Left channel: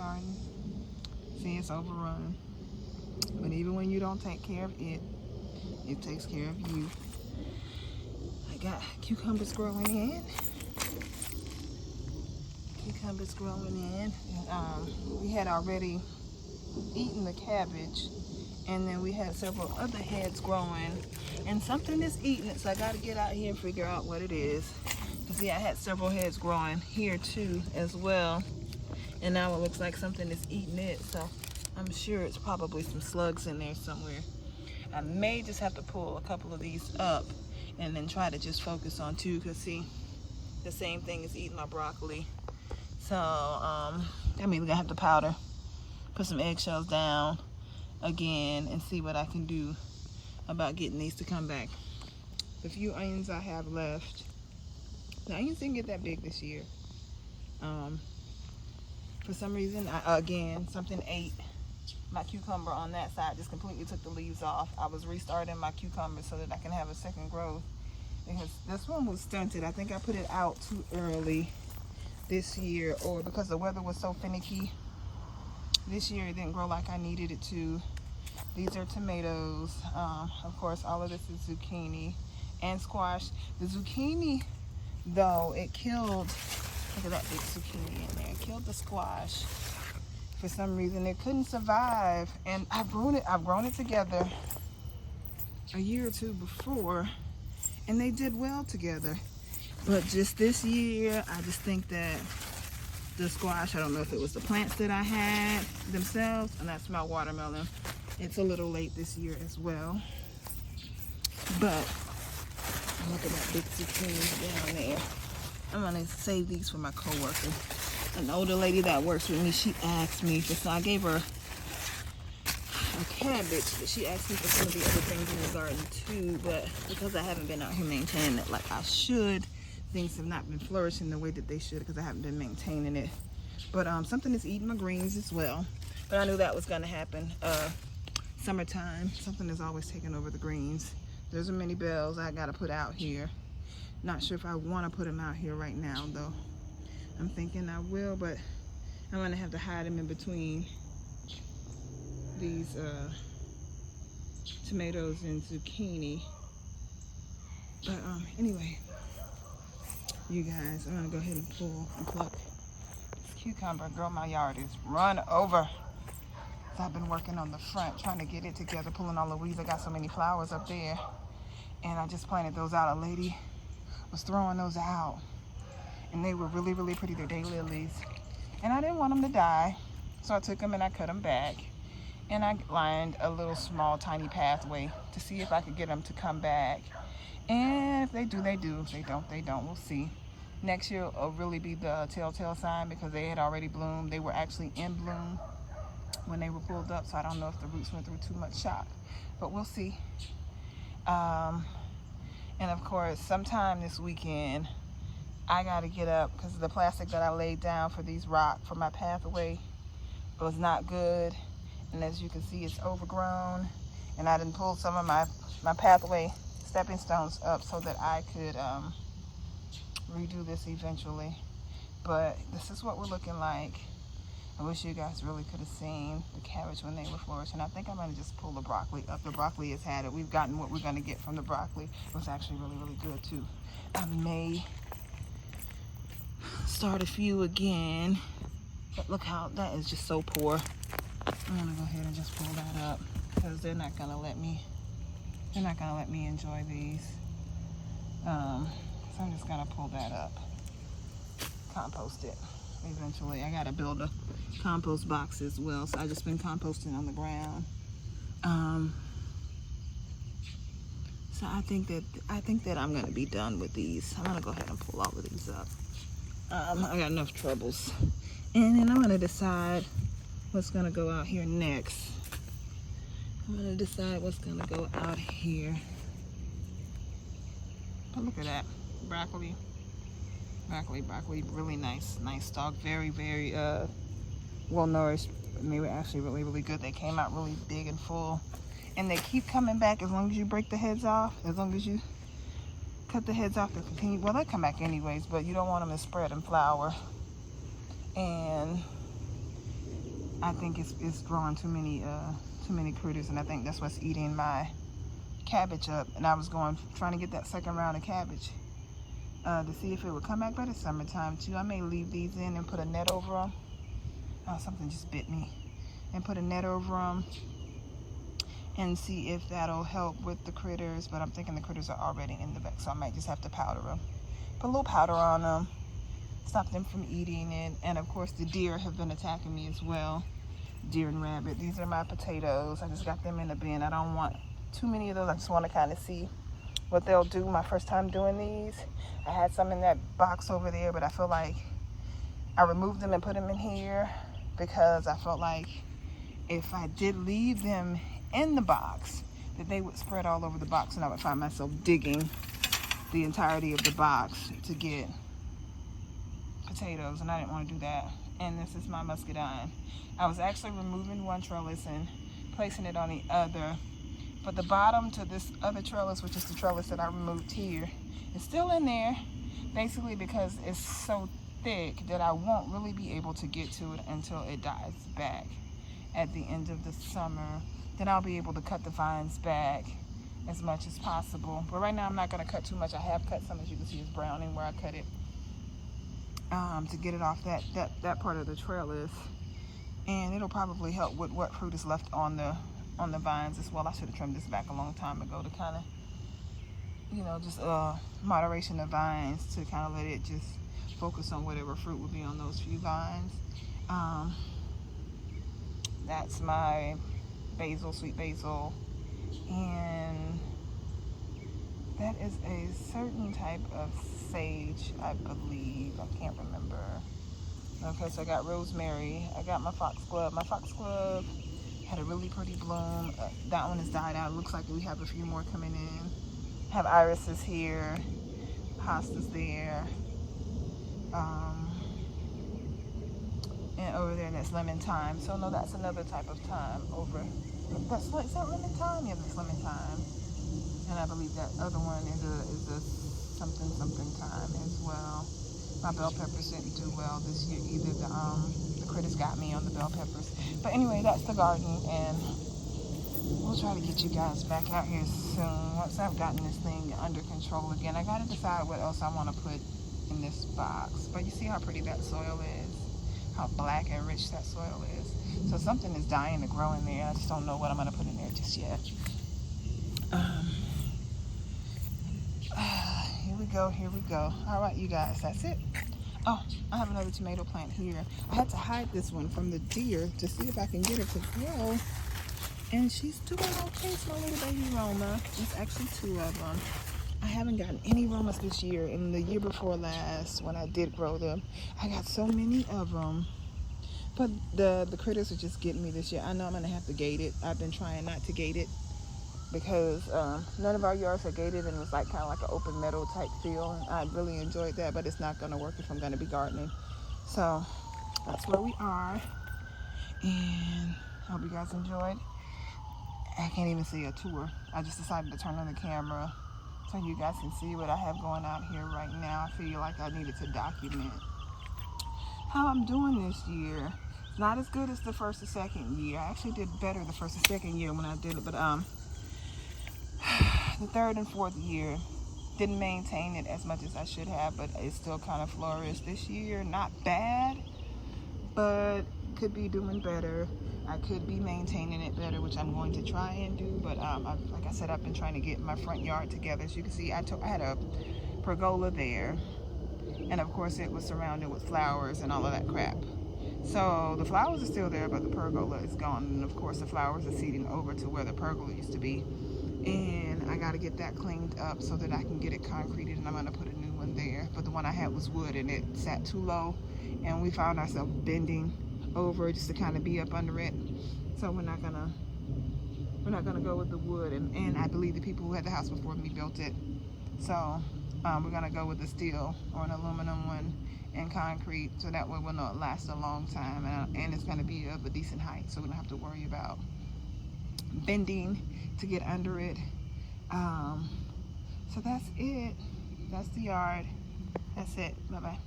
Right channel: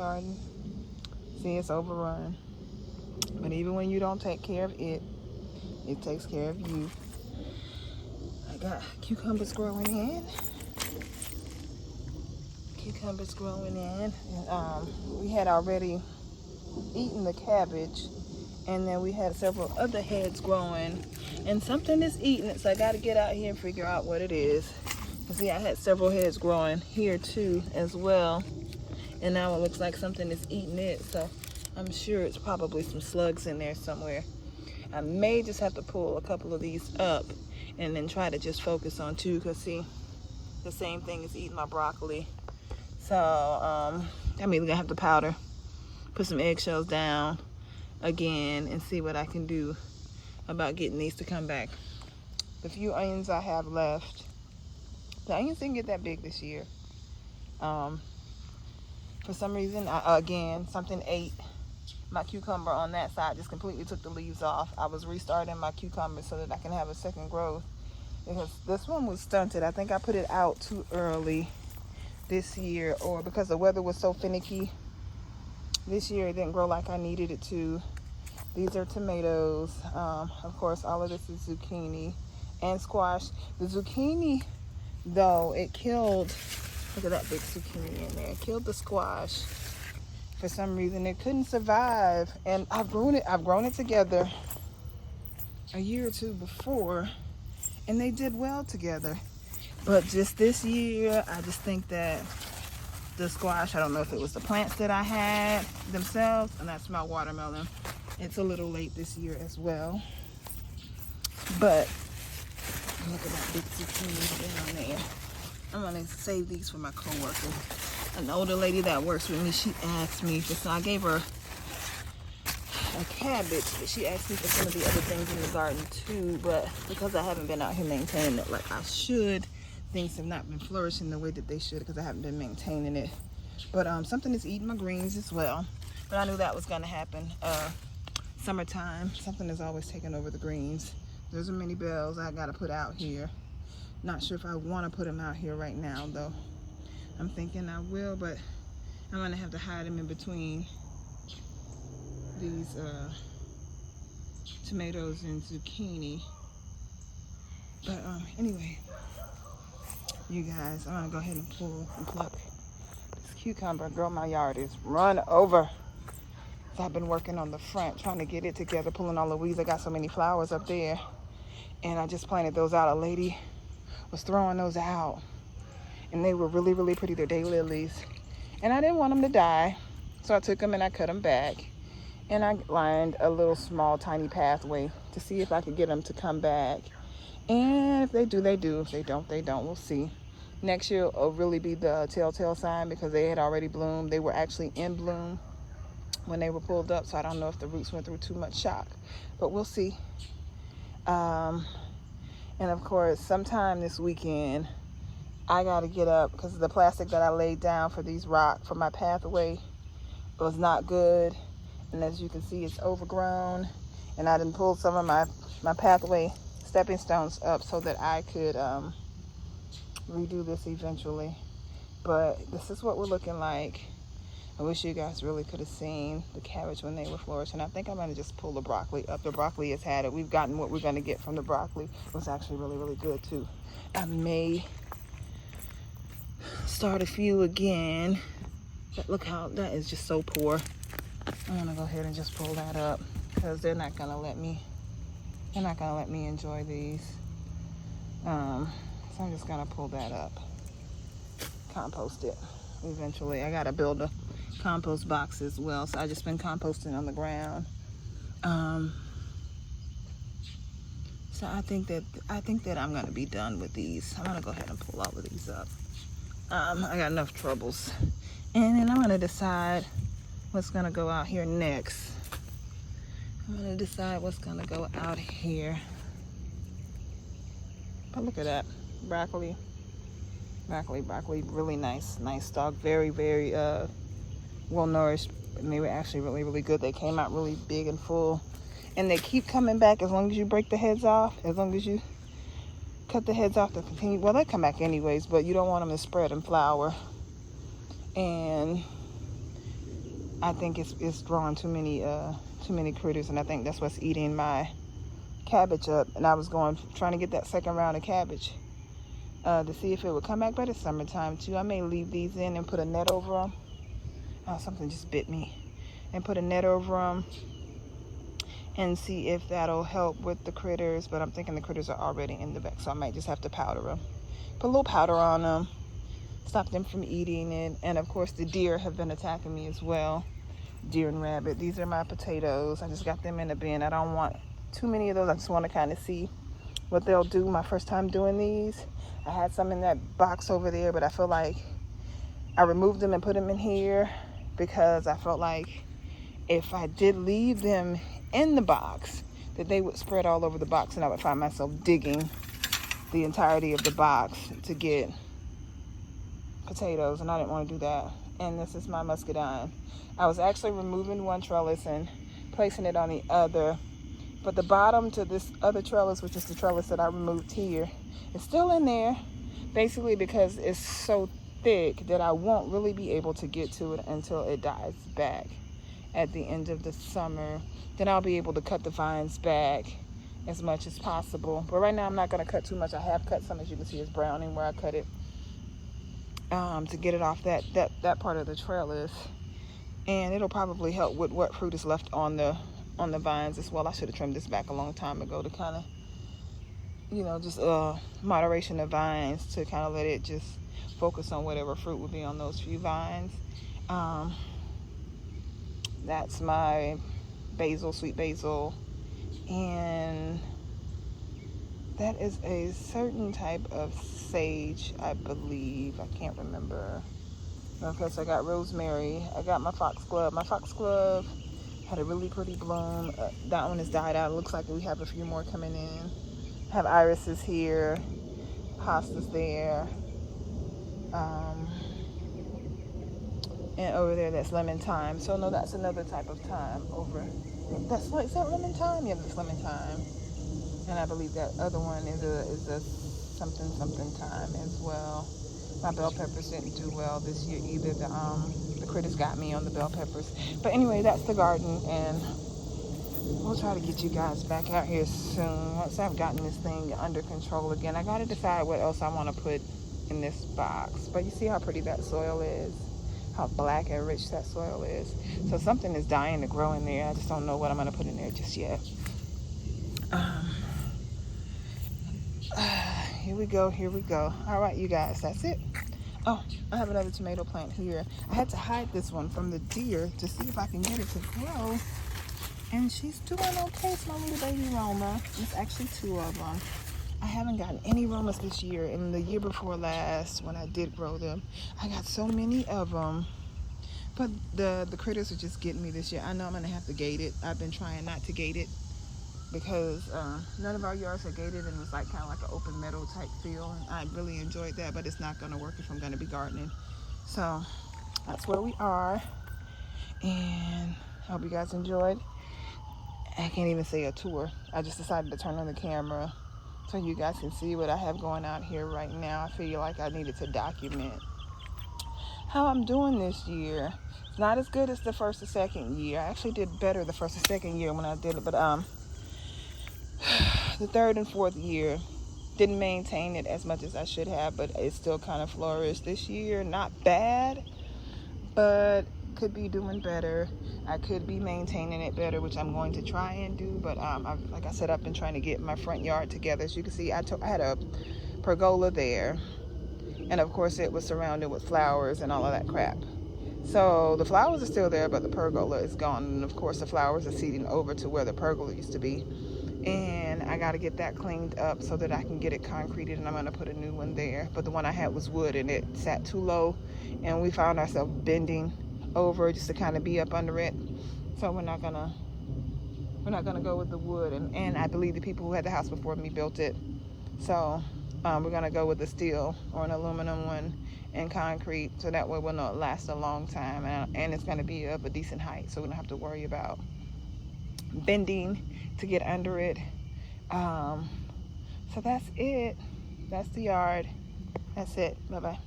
garden. See, it's overrun. But even when you don't take care of it, it takes care of you. I got cucumbers growing in. Cucumbers growing in. And, we had already eaten the cabbage. And then we had several other heads growing. And something is eating it. So I got to get out here and figure out what it is. You see, I had several heads growing here too as well. And now it looks like something is eating it. So I'm sure it's probably some slugs in there somewhere. I may just have to pull a couple of these up and then try to just focus on two, because see, the same thing is eating my broccoli. So I'm even gonna have to powder, put some eggshells down again and see what I can do about getting these to come back. The few onions I have left, the onions didn't get that big this year. For some reason, again, something ate my cucumber on that side, just completely took the leaves off. I was restarting my cucumber so that I can have a second growth, because this one was stunted. I think I put it out too early this year, or because the weather was so finicky. This year it didn't grow like I needed it to. These are tomatoes. Of course, all of this is zucchini and squash. The zucchini, though, it killed, look at that big zucchini in there. It killed the squash. For some reason, it couldn't survive. And I've grown it together a year or two before, and they did well together. But just this year, I just think that the squash, I don't know if it was the plants that I had themselves, and that's my watermelon. It's a little late this year as well. But look at that big zucchini down there. I'm gonna save these for my coworker. An older lady that works with me, she asked me for some. I gave her a cabbage, but she asked me for some of the other things in the garden too. But because I haven't been out here maintaining it like I should, things have not been flourishing the way that they should, because I haven't been maintaining it. But something is eating my greens as well. But I knew that was gonna happen. Summertime, something is always taking over the greens. There's a many bells I gotta put out here. Not sure if I want to put them out here right now though. I'm thinking I will, but I'm gonna have to hide them in between these tomatoes and zucchini. But anyway, you guys, I'm gonna go ahead and pull and pluck this cucumber. Girl, my yard is run over. So I've been working on the front, trying to get it together, pulling all the weeds. I got so many flowers up there, and I just planted those out. A lady was throwing those out, and they were really, really pretty. They're daylilies, and I didn't want them to die, so I took them and I cut them back, and I lined a little small tiny pathway to see if I could get them to come back. And if they do, they do. If they don't, they don't. We'll see. Next year will really be the telltale sign, because they had already bloomed. They were actually in bloom when they were pulled up, so I don't know if the roots went through too much shock, but we'll see. And of course, sometime this weekend, I gotta get up, because the plastic that I laid down for these rocks for my pathway was not good. And as you can see, it's overgrown. And I didn't pull some of my pathway stepping stones up so that I could redo this eventually. But this is what we're looking like. I wish you guys really could have seen the cabbage when they were flourishing. I think I'm gonna just pull the broccoli up. The broccoli has had it. We've gotten what we're gonna get from the broccoli. It was actually really, really good too. I may start a few again, but look how that is just so poor. I'm gonna go ahead and just pull that up, because they're not gonna let me enjoy these. So I'm just gonna pull that up, compost it eventually. I gotta build a compost box as well, so I just been composting on the ground. So I think that I'm gonna be done with these. I'm gonna go ahead and pull all of these up. I got enough troubles, and then I'm gonna decide what's gonna go out here next. I'm gonna decide what's gonna go out here. But look at that, broccoli, really nice stalk, very well nourished, and they were actually really good. They came out really big and full, and they keep coming back as long as you break the heads off. As long as you cut the heads off, they continue. Well, they come back anyways, but you don't want them to spread and flower. And I think it's growing too many critters, and I think that's what's eating my cabbage up. And I was trying to get that second round of cabbage to see if it would come back, but it's summertime too. I may leave these in and put a net over them. Oh, something just bit me. And put a net over them and see if that'll help with the critters. But I'm thinking the critters are already in the back, so I might just have to powder them. Put a little powder on them, stop them from eating it. And of course the deer have been attacking me as well. Deer and rabbit. These are my potatoes. I just got them in a bin. I don't want too many of those. I just want to kind of see what they'll do. My first time doing these. I had some in that box over there, but I feel like I removed them and put them in here because I felt like if I did leave them in the box, that they would spread all over the box, and I would find myself digging the entirety of the box to get potatoes, and I didn't want to do that. And this is my muscadine. I was actually removing one trellis and placing it on the other, but the bottom to this other trellis, which is the trellis that I removed here, is still in there, basically because it's so thick that I won't really be able to get to it until it dies back at the end of the summer. Then I'll be able to cut the vines back as much as possible. But right now I'm not going to cut too much. I have cut some, as you can see, it's browning where I cut it to get it off that part of the trellis. And it'll probably help with what fruit is left on the vines as well. I should have trimmed this back a long time ago to kind of, you know, just moderation of vines, to kind of let it just focus on whatever fruit would be on those few vines. That's my basil, sweet basil, and that is a certain type of sage, I believe. I can't remember. Okay, so I got rosemary. I got my foxglove. My foxglove had a really pretty bloom. That one has died out. It looks like we have a few more coming in. Have irises here, hostas there, and over there that's lemon thyme. So no, that's another type of thyme over. Is that lemon thyme? Yeah, that's lemon thyme. And I believe that other one is a something thyme as well. My bell peppers didn't do well this year either. The critters got me on the bell peppers. But anyway, that's the garden, and we'll try to get you guys back out here soon. Once I've gotten this thing under control again, I gotta decide what else I want to put in this box. But you see how pretty that soil is? How black and rich that soil is. So something is dying to grow in there. I just don't know what I'm gonna put in there just yet. Here we go. All right, you guys, that's it. Oh, I have another tomato plant here. I had to hide this one from the deer to see if I can get it to grow. And she's doing okay. It's my little baby Roma. It's actually two of them. I haven't gotten any Romas this year. And the year before last, when I did grow them, I got so many of them. But the critters are just getting me this year. I know I'm going to have to gate it. I've been trying not to gate it because none of our yards are gated, and it's like kind of like an open meadow type feel. And I really enjoyed that, but it's not going to work if I'm going to be gardening. So that's where we are. And I hope you guys enjoyed. I can't even say a tour. I just decided to turn on the camera so you guys can see what I have going on here right now. I feel like I needed to document how I'm doing this year. It's not as good as the first or second year. I actually did better the first or second year when I did it, but the third and fourth year didn't maintain it as much as I should have, but it still kind of flourished. This year, not bad, but could be doing better. I could be maintaining it better, which I'm going to try and do. But like I said, I've been trying to get my front yard together. As you can see, I had a pergola there, and of course it was surrounded with flowers and all of that crap. So the flowers are still there, but the pergola is gone, and of course the flowers are seeding over to where the pergola used to be. And I got to get that cleaned up so that I can get it concreted, and I'm going to put a new one there. But the one I had was wood, and it sat too low, and we found ourselves bending over just to kind of be up under it. So we're not gonna go with the wood, and I believe the people who had the house before me built it. So we're gonna go with the steel or an aluminum one and concrete, so that way we'll not last a long time, and it's gonna be of a decent height, so we don't have to worry about bending to get under it. So that's it. That's the yard. That's it. Bye-bye.